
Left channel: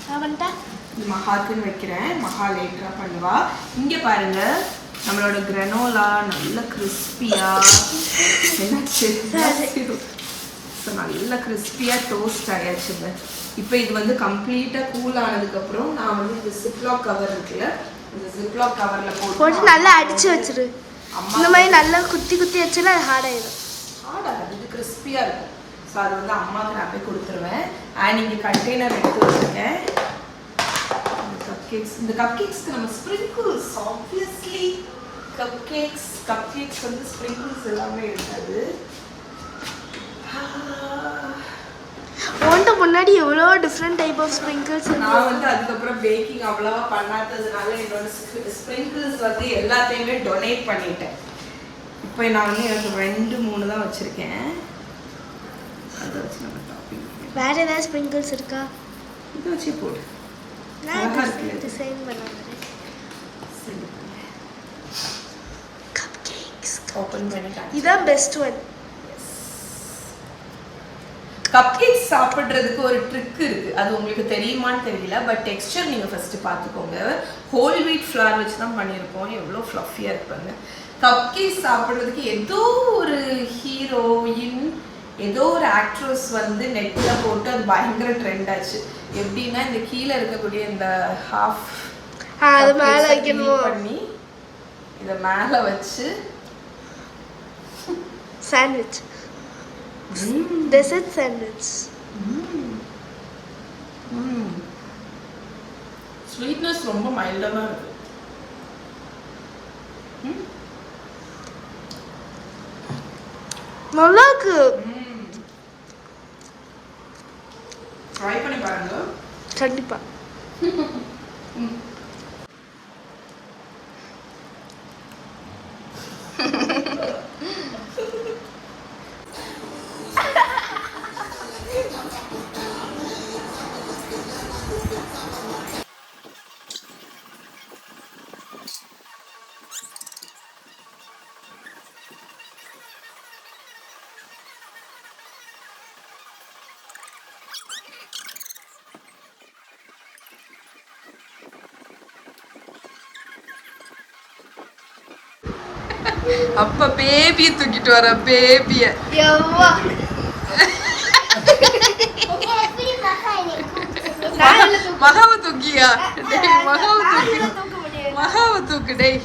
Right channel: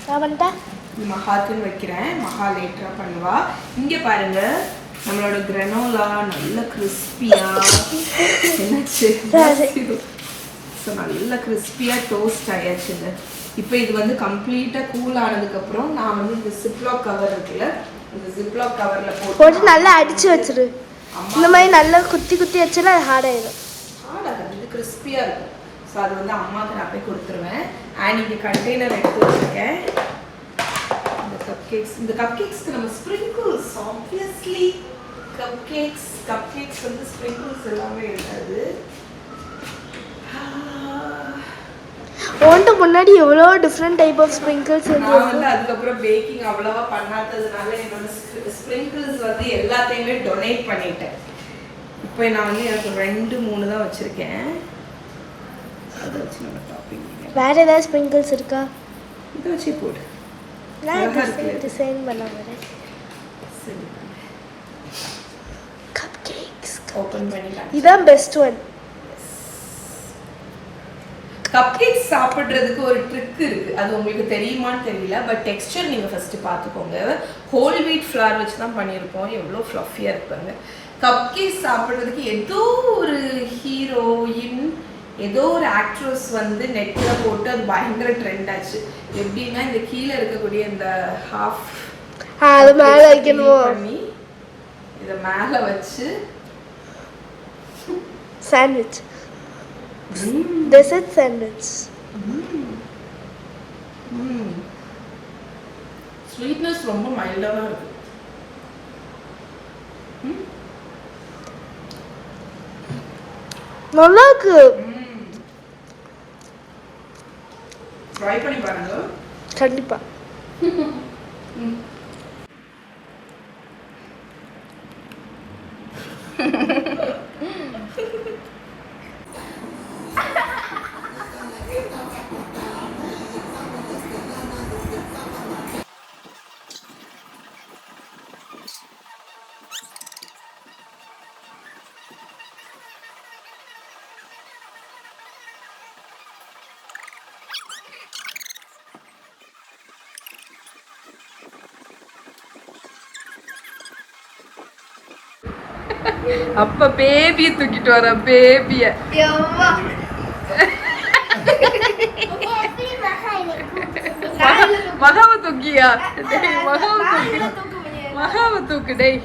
நான் பண்ணிட்டேன். இது மகாக்குன்னு வைக்கிறேன். மகா லேட்டராக பண்ணுவா. இங்கே பாருங்க, நம்மளோட கிரானோலா நல்ல கிறிஸ்பியா என்னாச்சு, ஸோ நல்ல கிறிஸ்பியாக டோஸ்ட் ஆயாச்சுங்க. இப்போ இது வந்து கம்ப்ளீட்டாக கூல் ஆனதுக்கப்புறம் நான் வந்து இந்த ஜிப்லாக் கவர் இருக்குல்ல, இந்த ஜிப்லாக் கவரில் போட்டு நல்லா அடித்து வச்சிரு. இந்த மாதிரி நல்லா குத்தி குத்தி வச்சுன்னா அது ஹார்ட் ஆயிடும். ஹார்ட் ஆகாது, இது கிறிஸ்பியாக இருக்கும். ஸோ அது வந்து அம்மாவுக்கு நான் போய் கொடுத்துருவேன். அண்ட் இங்கே கண்டெய்னர் எடுத்து வச்சுருக்கேன். இந்த கப் கேக்ஸ்க்கு நம்ம ஸ்ப்ரிங்கிள்ஸ், ஆப்வியஸ்லி கப் கேக்ஸ் வந்து ஸ்ப்ரிங்கிள்ஸ் எல்லாமே இருக்காது. ஓன்ட்டு முன்னாடி எவ்வளோ டிஃப்ரெண்ட் டைப் ஆஃப் ஸ்ப்ரிங்கிள்ஸ் நான் வந்து அதுக்கப்புறம் பேக்கிங் அவ்வளோவா பண்ணாததுனால என்னோட ஸ்ப்ரிங்கிள்ஸ் வந்து எல்லாத்தையுமே டொனேட் பண்ணிட்டேன். இப்போ நான் வந்து எனக்கு 2-3 தான் வச்சுருக்கேன். அதை வச்சு நம்ம டாப்பிங் வேற ஏதாவது ஸ்ப்ரிங்கிள்ஸ் இருக்கா? இதை வச்சே போடு. நான் டிசைன் பண்ண வரேன். கப் கேக்ஸ் ஓபன் பண்ணி இதான் பெஸ்ட் ஒன். கப் கேக்ஸ் சாப்பிட்றதுக்கு ஒரு ட்ரிக் இருக்கு. அது உங்களுக்கு தெரியுமான்னு தெரியல. பட் டெக்ஸ்சர் நீங்க ஃபர்ஸ்ட் பார்த்துக்கோங்க. ஹோல் வீட் ஃப்ளார் வச்சு தான் பண்ணியிருப்போம். எவ்வளோ ஃப்ளஃபியா இருப்பாங்க. கப் கேக்ஸ் சாப்பிட்றதுக்கு ஏதோ ஒரு ஹீரோயின், ஏதோ ஒரு ஆக்ட்ரஸ் வந்து நெட்டில் போட்டு அது பயங்கர ட்ரெண்ட் ஆச்சு. எப்படின்னா இந்த கீழே இருக்கக்கூடிய இந்த ஹாஃப் அது மேலே வைக்கணும் பண்ணி இதை மேலே வச்சு சாண்ட்விச், டெசர்ட் சாண்ட்விச். ஸ்வீட்னஸ் ரொம்ப மைல்டா தான் இருக்கு. நல்லா இருக்கு. ட்ரை பண்ணி பாருங்க. கண்டிப்பா. அப்ப பேபியை தூக்கிட்டு வர பேபிய மகாவை தூக்கியா? மகாவை தூக்கு டேய்.